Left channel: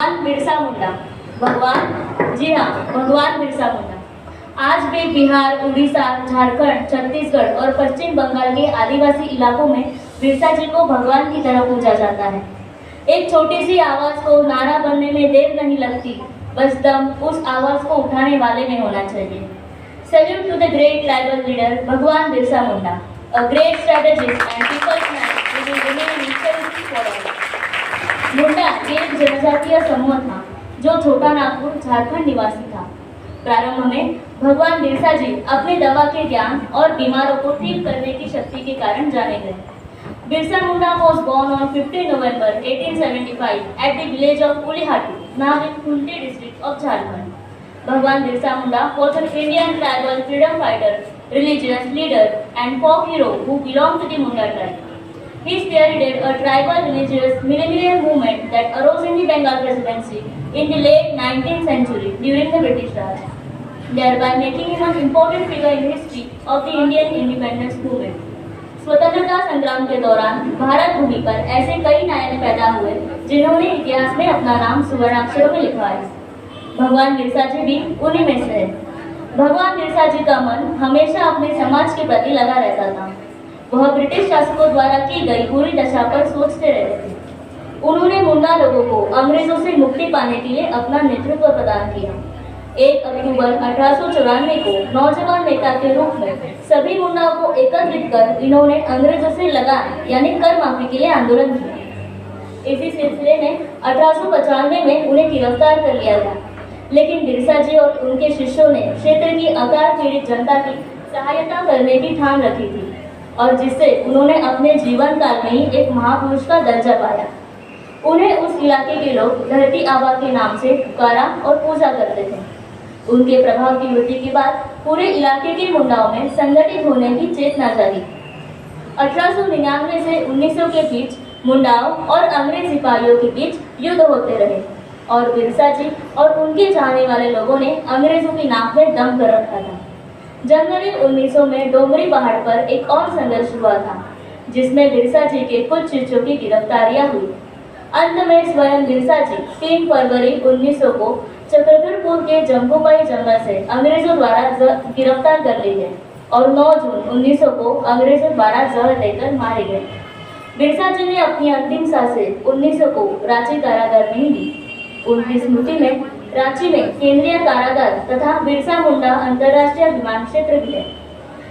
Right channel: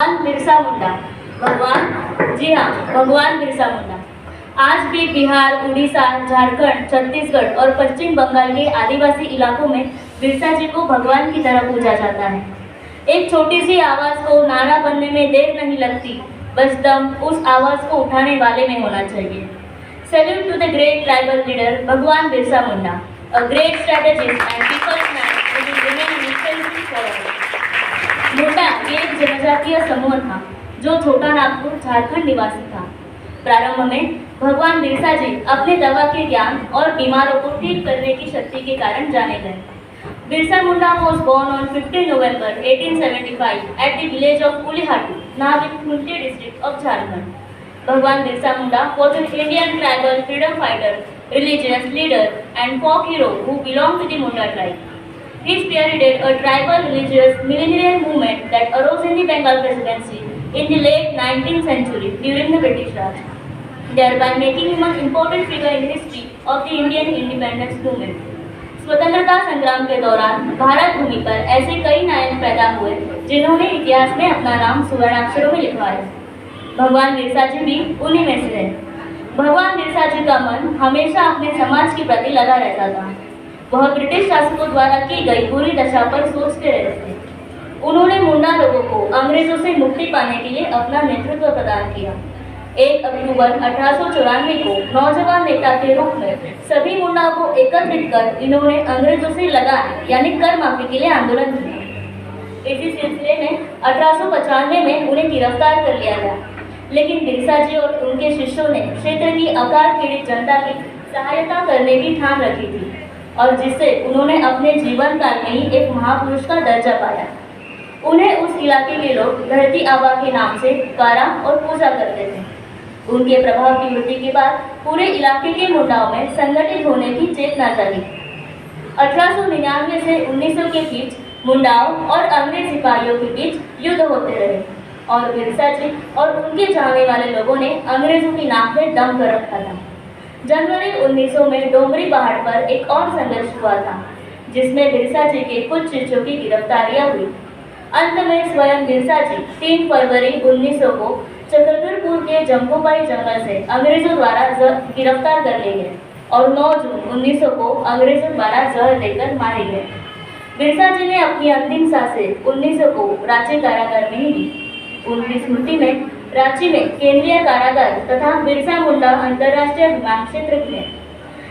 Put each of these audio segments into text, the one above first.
भगवान बिरसा मुंडा। भगवान, जी हाँ, भगवान बिरसा मुंडा आज भी बिहार, उड़ीसा, झारखंड, छत्तीसगढ़ और पश्चिम बंगाल के आदिवासी इलाकों में बिरसा जी को भगवान की तरह पूजा जाता है। एक छोटी सी आवाज को नारा बनने में देर नहीं लगती, बस दम उस आवाज को उठाने वाले में होना चाहिए। Salute to the great tribal leader Bhagwan Birsa Munda, a great strategist and people's man who will remain an inspiration forever. मुंडा एक जनजातीय समूह था जो छोटा नागपुर, झारखंड निवासी था। प्रारंभ में भगवान बिरसा जी अपने दवा के ज्ञान और बीमारों को ठीक करने की शक्ति के कारण जाने गए। Birsa Munda was born on 15 November 1875 at the village of Ulihatu, now in Khunti district of Jharkhand. Bhagwan Birsa Munda was an Indian tribal freedom fighter, religious leader and folk hero who belonged to the Munda tribe. He spearheaded a tribal religious millennial movement that arose in the Bengal Presidency in the late 19th century during the British Raj, thereby making him an important figure in the history of the Indian independence movement. स्वतंत्रता संग्राम के दौरान भारत भूमि पर ऐसे कई नायक पैदा हुए जिन्होंने इतिहास में अपना नाम सुवर्णाक्षरों में लिखा है। भगवान बिरसा जी भी उन्हीं में से है। भगवान बिरसा जी का मन हमेशा अपने समाज के प्रति लगा रहता था। वह ब्रिटिश शासकों द्वारा की गई बुरी दशा पर सोचते रहते थे। उन्होंने मुंडा लोगों को अंग्रेजों से मुक्ति पाने के लिए अपना नेतृत्व प्रदान किया। 1 अक्टूबर 1894 को नौजवान नेता के रूप में सभी मुंडाओं को एकत्रित कर इन्होंने अंग्रेजों से लगान यानी कर माफी के लिए आंदोलन किया। इसी सिलसिले में 1895 में उन्हें गिरफ्तार कर लिया गया, लेकिन बिरसा जी और उनके शिष्यों ने क्षेत्र की अकाल पीड़ित जनता की सहायता करने की ठान रखी थी और जिससे उन्होंने अपने जीवन काल में ही एक महापुरुष का दर्जा पाया। उन्हें उस इलाके के लोग धरती आबा के नाम से पुकारा और पूजा करते थे। उनके प्रभाव की वृद्धि के बाद पूरे इलाके के मुंडाओं में संगठित होने की चेतना जागी। 1899 से 1900 के बीच मुंडाओं और अंग्रेज सिपाहियों के बीच युद्ध होते रहे और बिरसा जी और उनके चाहने वाले लोगों ने अंग्रेजों की नाक में दम कर रखा था। जनवरी 1900 में डोंगरी पहाड़ पर एक और संघर्ष हुआ था जिसमें बिरसा जी के कुछ शिष्यों की गिरफ्तारियां हुई। अंत में स्वयं बिरसा जी 3 फरवरी 1900 को चक्रधरपुर के जम्बूबाई जंगल से अंग्रेजों द्वारा गिरफ्तार कर लिए गए और 9 जून 1900 को अंग्रेजों द्वारा जहर देकर मारे गए। बिरसा जी ने अपनी अंतिम सांसें 1900 को रांची कारागार में ही ली। उनकी स्मृति में रांची में केंद्रीय कारागार तथा बिरसा मुंडा अंतर्राष्ट्रीय विमान क्षेत्र भी है।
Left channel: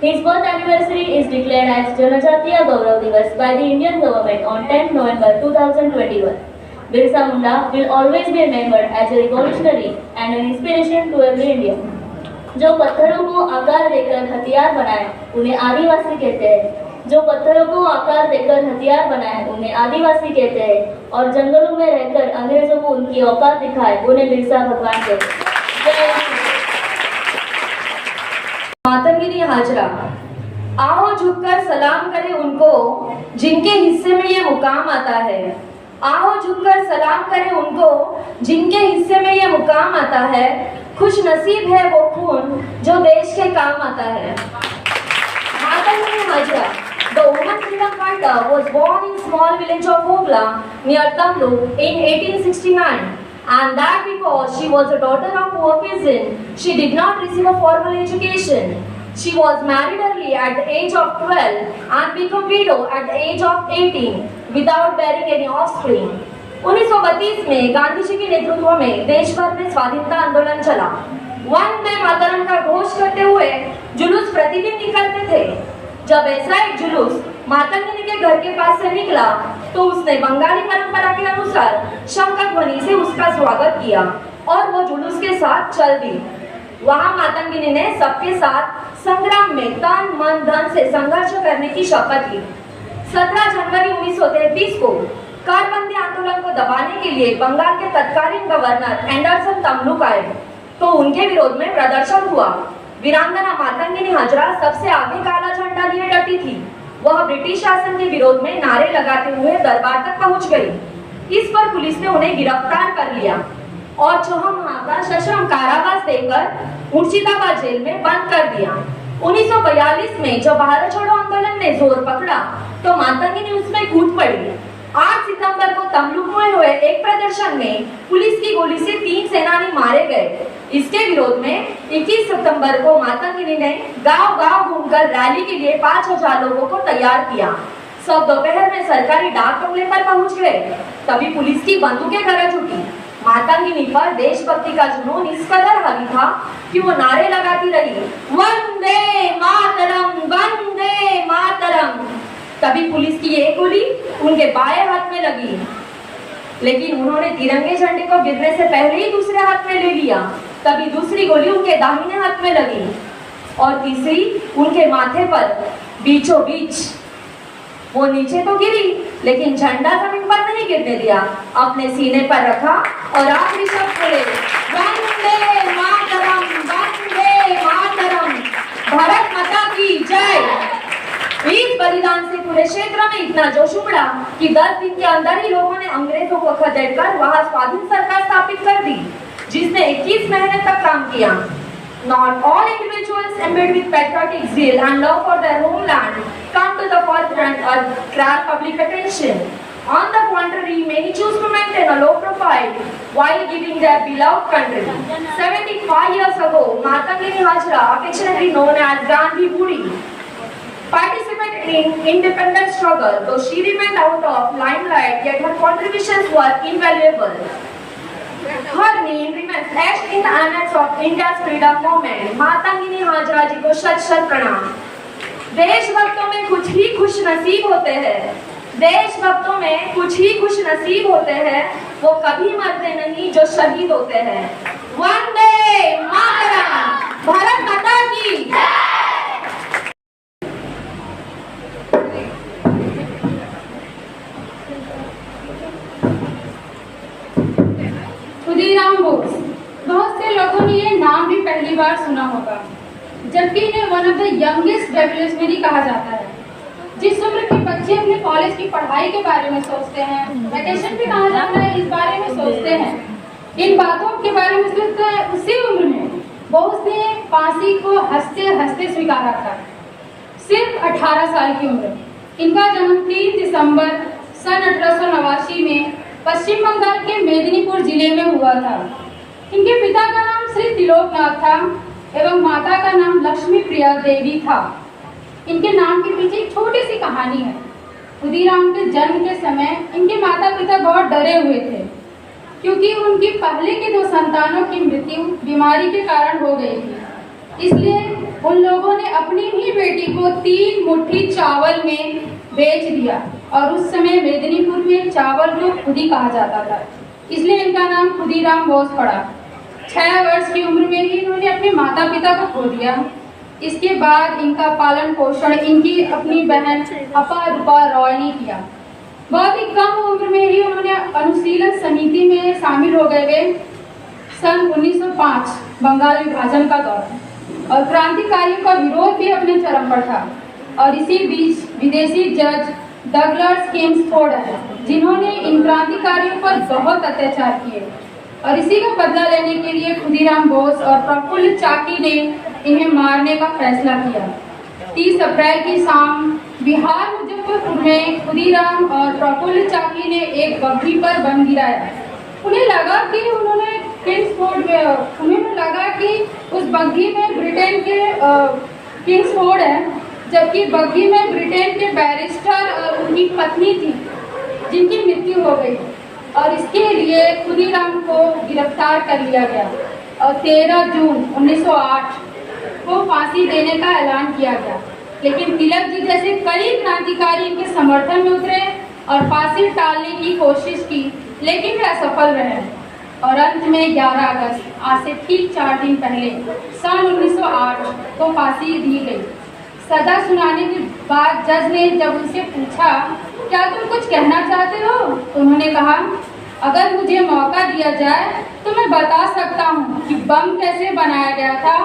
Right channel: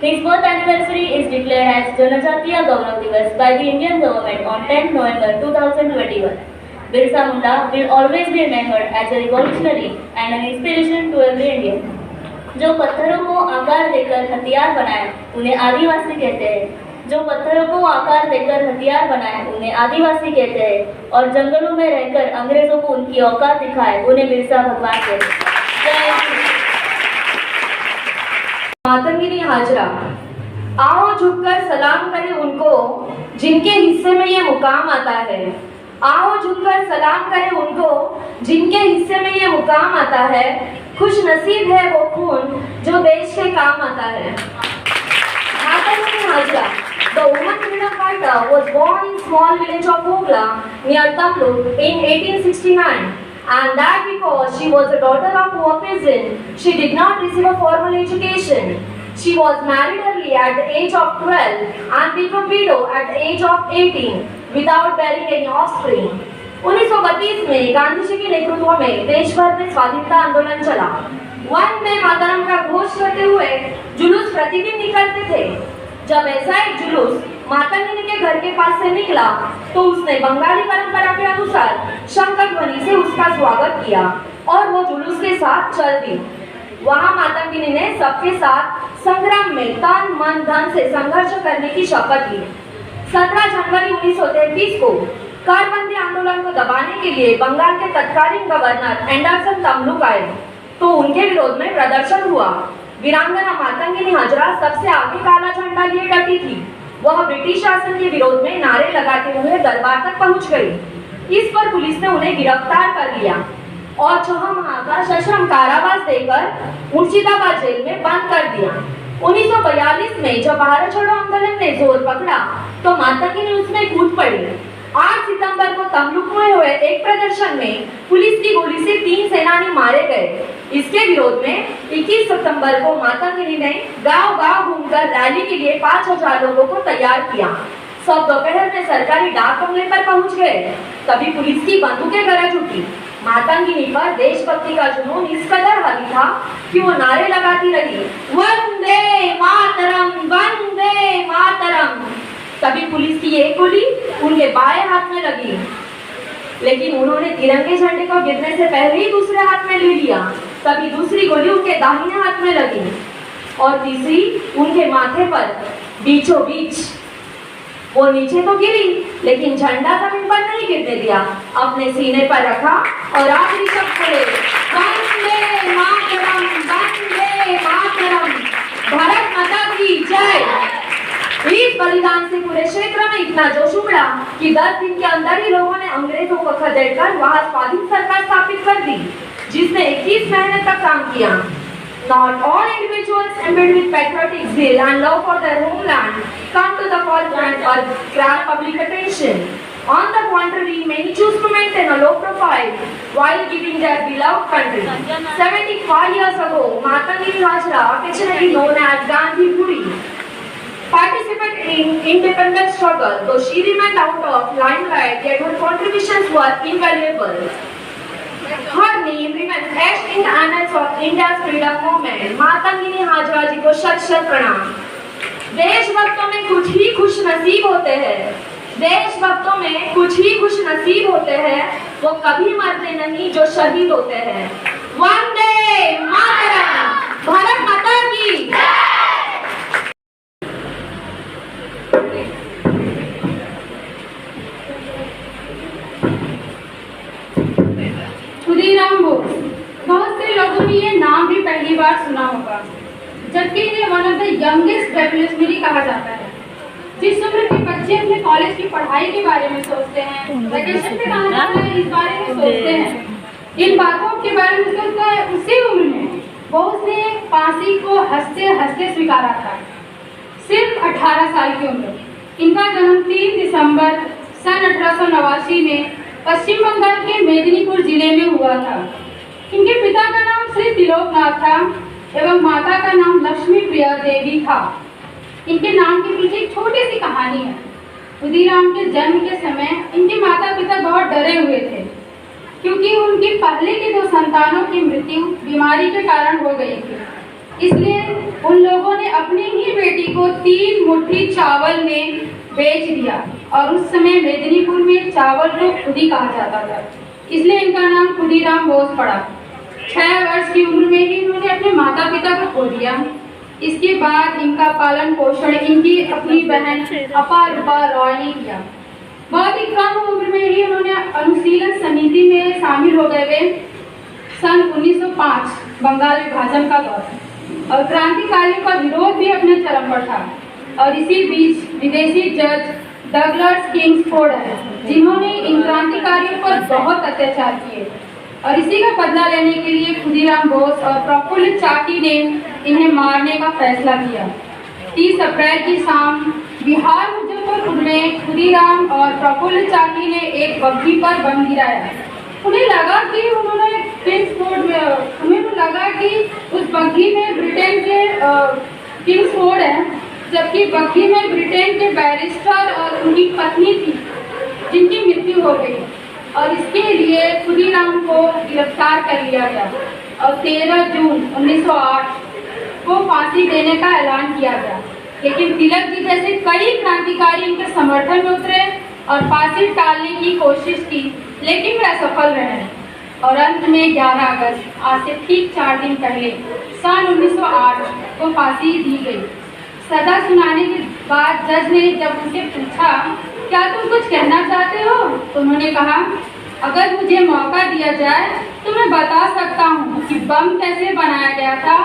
His birth anniversary is declared as जनजातीय गौरव दिवस by the Indian government on 10 November 2021. Birsa Munda will always be remembered as a revolutionary and an inspiration to every Indian. जो पत्थरों को आकार देकर हथियार बनाए उन्हें आदिवासी कहते हैं। जो पत्थरों को आकार देकर हथियार बनाए उन्हें आदिवासी कहते हैं और जंगलों में रहकर अंग्रेजों को उनकी औकात दिखाए उन्हें बिरसा भगवान कहते हैं। मातंगिनी हाजरा, आओ झुककर सलाम करें उनको जिनके हिस्से में ये मुकाम आता है। आओ झुककर सलाम करें उनको जिनके हिस्से में ये मुकाम आता है। खुश नसीब है वो खून जो देश के काम आता है। Matangini Hazra, the woman freedom fighter, was born in small village of Hogla near Tamluk in 1869. And that because she was a daughter of poor peasant, she did not receive a formal education. She was married early at the age of 12 and became widow at the age of 18 without bearing any offspring. 1932 में गांधी जी के नेतृत्व में देश भर में स्वाधीनता आंदोलन चला। वंदे मातरम का घोष करते हुए जुलूस प्रतिदिन निकलते थे। जब ऐसा एक जुलूस मातंगिनी के घर के पास से निकला तो उसने बंगाली परंपरा के अनुसार शंख ध्वनि से उसका स्वागत किया और वो जुलूस के साथ चल दी। वहां मातंगिनी ने सबके साथ संग्राम में तन मन धन से संघर्ष करने की शपथ ली। 17 जनवरी 1933 को कारबंदी आंदोलन को दबाने के लिए बंगाल के तत्कालीन गवर्नर एंडरसन तमलुक आए तो उनके विरोध में प्रदर्शन हुआ। वीरांगना मातंगिनी हाजरा सबसे आगे काला झंडा लिए डटी थी। वह ब्रिटिश शासन के विरोध में नारे लगाते हुए दरबार तक पहुंच गई। इस पर पुलिस ने उन्हें गिरफ्तार कर लिया और 6 माह का सश्रम कारावास देकर मुर्शिदाबाद जेल में बंद कर दिया। 1942 में जब भारत छोड़ो आंदोलन ने जोर पकड़ा तो मातंगिनी उसमें कूद पड़ी। 8 सितंबर को तमलुक में हुए एक प्रदर्शन में पुलिस की गोली से 3 सेनानी मारे गए। इसके विरोध में 21 सितंबर को मातंगिनी ने गांव-गांव घूमकर रैली के लिए 5000 लोगों को तैयार किया। सब दोपहर में सरकारी डाक बंगले पर पहुंच गए। तभी पुलिस की बंदूकें गरज उठी। मातंगिनी पर देशभक्ति का जुनून इस कदर हावी था कि वो नारे लगाती रही, वंदे मातरम, वंदे मातरम। तभी पुलिस की एक गोली उनके बाएं हाथ में लगी, लेकिन उन्होंने तिरंगे झंडे को गिरने से पहले ही दूसरे हाथ में ले लिया। तभी दूसरी गोली उनके दाहिने हाथ में लगी और तीसरी उनके माथे पर बीचों बीच। वो नीचे तो गिरी, लेकिन झंडा जमीन पर नहीं गिरने दिया, अपने सीने पर रखा और आखिरी शब्द बोले, वंदे मातरम, वंदे मातरम, भारत माता की जय। इस बलिदान से पूरे क्षेत्र में इतना जोश उमड़ा कि 10 दिन के अंदर ही लोगों ने अंग्रेजों को खदेड़कर वहां स्वाधीन सरकार स्थापित कर दी, जिसने 21 महीने तक काम किया। Not all individuals imbued with patriotic zeal and love for their homeland come to the forefront or grab public attention. On the contrary, many choose to maintain a low profile while giving their beloved country. 75 years ago, Matangini Hajra, affectionately known as Gandhi Budi, participated in independence struggle. Though she remained out of limelight, yet her contributions were invaluable. Her name remains etched in the annals of India's freedom movement. Matangini Hazra जी को शत शत प्रणाम। देशभक्तों में कुछ ही खुश नसीब होते हैं, देशभक्तों में कुछ ही खुश नसीब होते हैं, वो कभी मरते नहीं जो शहीद होते हैं। वंदे मातरम, भारत माता की। खुदीराम बोस, बहुत से लोगों ने ये नाम भी पहली बार सुना होगा, जबकि इन्हें one of the youngest revolutionary कहा जाता है। जिस उम्र के बच्चे अपने कॉलेज की पढ़ाई के बारे में सोचते हैं, वैकेशन पे कहाँ जाना है इस बारे में सोचते हैं, इन बातों के बारे में सोचते हैं, उसी उम्र में बोस ने फांसी को हंसते हंसते स्वीकारा था, सिर्फ 18 साल की उम्र। इनका जन्म 3 दिसंबर सन 1889 में पश्चिम बंगाल के मेदिनीपुर जिले में हुआ था। इनके पिता का नाम श्री त्रिलोकनाथ था एवं माता का नाम लक्ष्मी प्रिया देवी था। इनके नाम के पीछे एक छोटी सी कहानी है। खुदीराम के जन्म के समय इनके माता पिता बहुत डरे हुए थे, क्योंकि उनकी पहले के 2 संतानों की मृत्यु बीमारी के कारण हो गई थी। इसलिए उन लोगों ने अपनी ही बेटी को 3 मुट्ठी चावल में बेच दिया, और उस समय मेदिनीपुर में चावल को खुदी कहा जाता था, इसलिए इनका नाम खुदीराम बोस पड़ा। 6 वर्ष की उम्र में ही इन्होंने अपने माता पिता को खो दिया। इसके बाद इनका पालन पोषण इनकी अपनी बहन अपा रूपा रॉय ने किया। बहुत ही कम उम्र में ही उन्होंने अनुशीलन समिति में शामिल हो गए वे सन 1905 बंगाल विभाजन का दौर, और क्रांतिकारियों का विरोध भी अपने चरम पर था। और इसी बीच विदेशी जज डगलस किंग्सफोर्ड है, जिन्होंने इन क्रांतिकारियों पर बहुत अत्याचार किए, और इसी का बदला लेने के लिए खुदीराम बोस और प्रफुल्ल चाकी ने इन्हें मारने का फैसला किया। 30 अप्रैल की शाम बिहार मुजफ्फरपुर में खुदीराम और प्रफुल्ल चाकी ने एक बग्घी पर बम गिराया। उन्हें लगा कि उन्हें लगा कि उस बग्घी में ब्रिटेन के किंग्सफोर्ड है, जबकि बग्घी में ब्रिटेन के बैरिस्टर और उनकी पत्नी थी, जिनकी मृत्यु हो गई, और इसके लिए खुदीराम को गिरफ्तार कर लिया गया और 13 जून 1908 को फांसी देने का ऐलान किया गया। लेकिन तिलक जी जैसे कई क्रांतिकारी इनके समर्थन में उतरे और फांसी टालने की कोशिश की, लेकिन वे असफल रहे, और अंत में 11 अगस्त आज से ठीक 4 दिन पहले सन 1908 को फांसी दी गई। सजा सुनाने के बाद जज ने जब उनसे पूछा, क्या तुम कुछ कहना चाहते हो, तो उन्होंने कहा, अगर मुझे मौका दिया जाए तो मैं बता सकता हूँ कि बम कैसे बनाया गया था,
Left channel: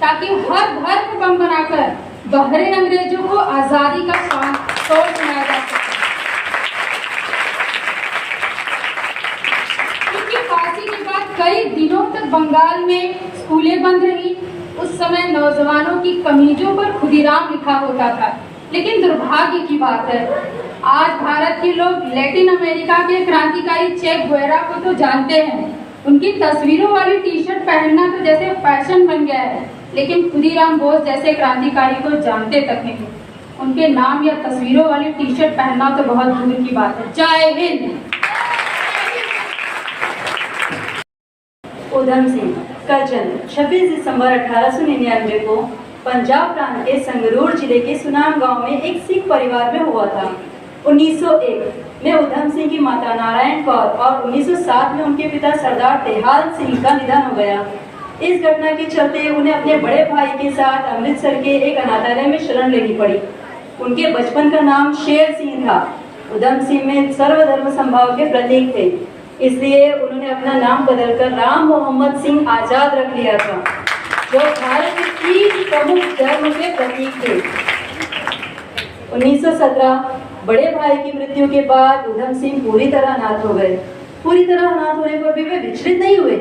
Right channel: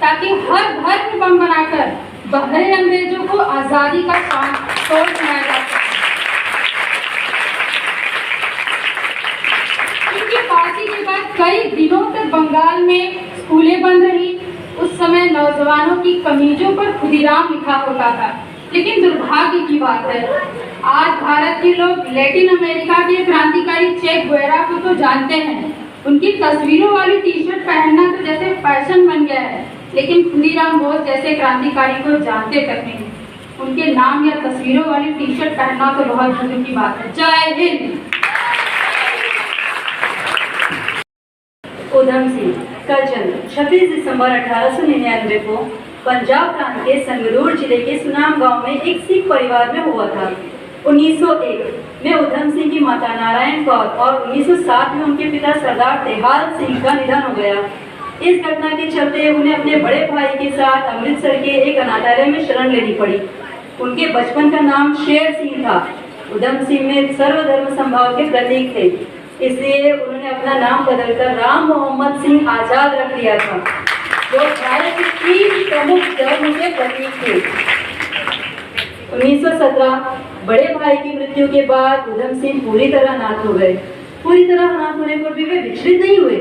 ताकि हर घर में बम बनाकर बहरे अंग्रेजों को आज़ादी का शोर सुनाया जा सके। उनकी फांसी के बाद कई दिनों तक बंगाल में स्कूलें बंद रही। उस समय नौजवानों की कमीजों पर खुदीराम लिखा होता था, लेकिन दुर्भाग्य की बात है आज भारत के लोग लैटिन अमेरिका के क्रांतिकारी चे गुवेरा को तो जानते हैं। उनकी तस्वीरों वाली टी शर्ट पहनना तो जैसे फैशन बन गया है, लेकिन खुदीराम बोस जैसे क्रांतिकारी को जानते तक नहीं। उनके नाम या तस्वीरों वाली टी शर्ट पहनना तो बहुत दूर की बात है। जय हिंद। उधम सिंह का जन्म 26 दिसंबर 1899 को पंजाब प्रांत के संगरूर जिले के सुनाम गांव में एक सिख परिवार में हुआ था। 1901 में उधम सिंह की माता नारायण कौर और 1907 में उनके पिता सरदार तेहाल सिंह का निधन हो गया। इस घटना के चलते उन्हें अपने बड़े भाई के साथ अमृतसर के एक अनाथालय में शरण लेनी पड़ी। उनके बचपन का नाम शेर सिंह था। उधम सिंह में सर्वधर्म संभाव के प्रतीक थे, इसलिए उन्होंने अपना नाम बदलकर राम मोहम्मद सिंह आजाद रख लिया था, जो भारत के 3 प्रमुख धर्म के प्रतीक थे। 1917 बड़े भाई की मृत्यु के बाद उधम सिंह पूरी तरह अनाथ हो गए। पूरी तरह अनाथ होने पर भी वे विचलित नहीं हुए।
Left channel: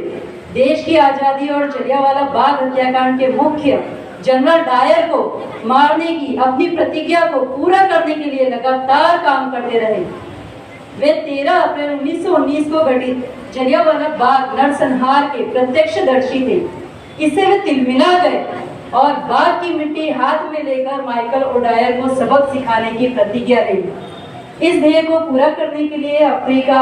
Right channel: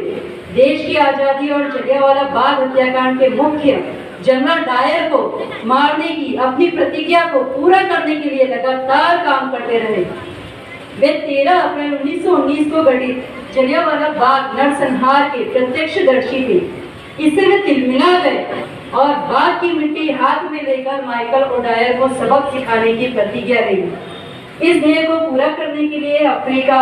देश की आजादी और जलियांवाला बाग हत्याकांड के मुख्य जनरल डायर को मारने की अपनी प्रतिज्ञा को पूरा करने के लिए लगातार काम करते रहे। वे 13 अप्रैल 1919 को घटित जलियांवाला बाग नरसंहार के प्रत्यक्षदर्शी थे। इससे वे तिलमिला गए और बाग की मिट्टी हाथ में लेकर माइकल ओडायर को सबक सिखाने की प्रतिज्ञा ली। इस ध्येय को पूरा करने के लिए अफ्रीका,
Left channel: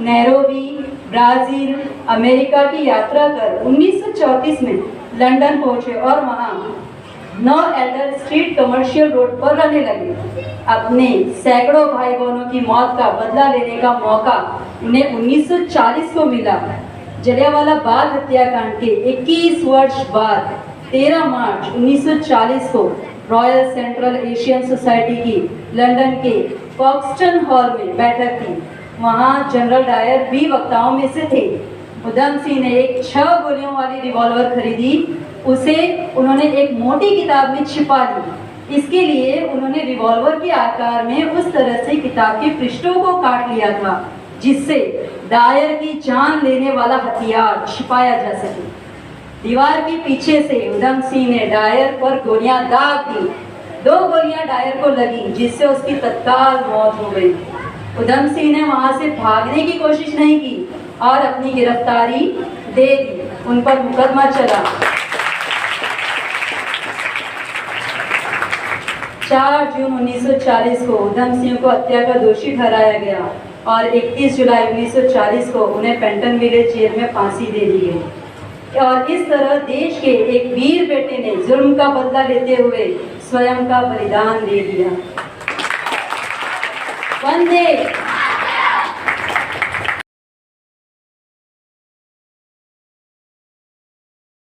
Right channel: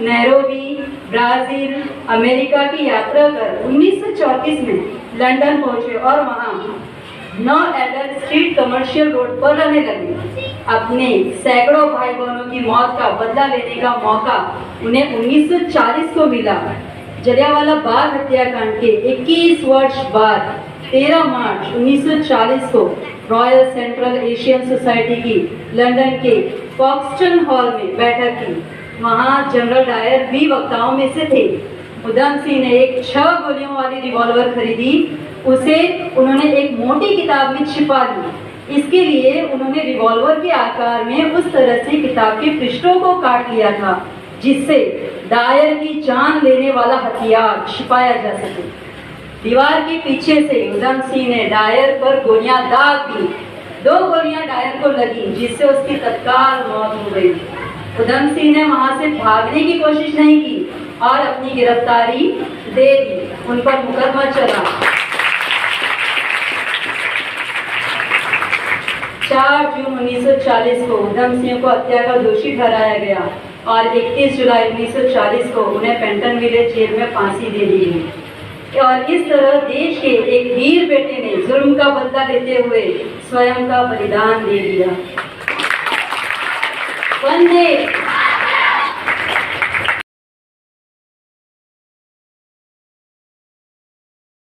नैरोबी, ब्राजील, अमेरिका की यात्रा कर 1934 में लंदन पहुंचे और वहां 9 एल्डर स्ट्रीट कमर्शियल रोड पर रहने लगे। अपने सैकड़ों भाई बहनों की मौत का बदला लेने का मौका उन्हें 1940 को मिला। जलियांवाला बाग हत्याकांड के 21 वर्ष बाद 13 मार्च 1940 को रॉयल सेंट्रल एशियन सोसाइटी की लंदन के फॉक्सटन हॉल में बैठक की। वहां जनरल डायर भी वक्ताओं में से थे। उधम सिंह ने एक 6 गोलियों वाली रिवॉल्वर खरीदी। उसे उन्होंने एक मोटी किताब में छिपा ली। इसके लिए उन्होंने रिवॉल्वर के आकार में उस तरह से किताब के पृष्ठों को काट लिया था जिससे डायर की जान लेने वाला हथियार छिपाया जा सके। दीवार के पीछे से उधम सिंह ने डायर पर गोलियां दाग दी। 2 गोलियां डायर को लगी जिससे उसकी तत्काल मौत हो गई। उधम सिंह ने वहां से भागने की कोशिश नहीं की और अपनी गिरफ्तारी दे दी। उन पर मुकदमा चला। 4 जून 1940 को उधम सिंह को हत्या का दोषी ठहराया गया और 31 जुलाई 1940 को उन्हें पेंटन विलेज जेल में फांसी दे दी गई। और इस तरह देश के एक वीर बेटे ने जुल्म का बदला लेते हुए स्वयं का बलिदान दे दिया। वंदे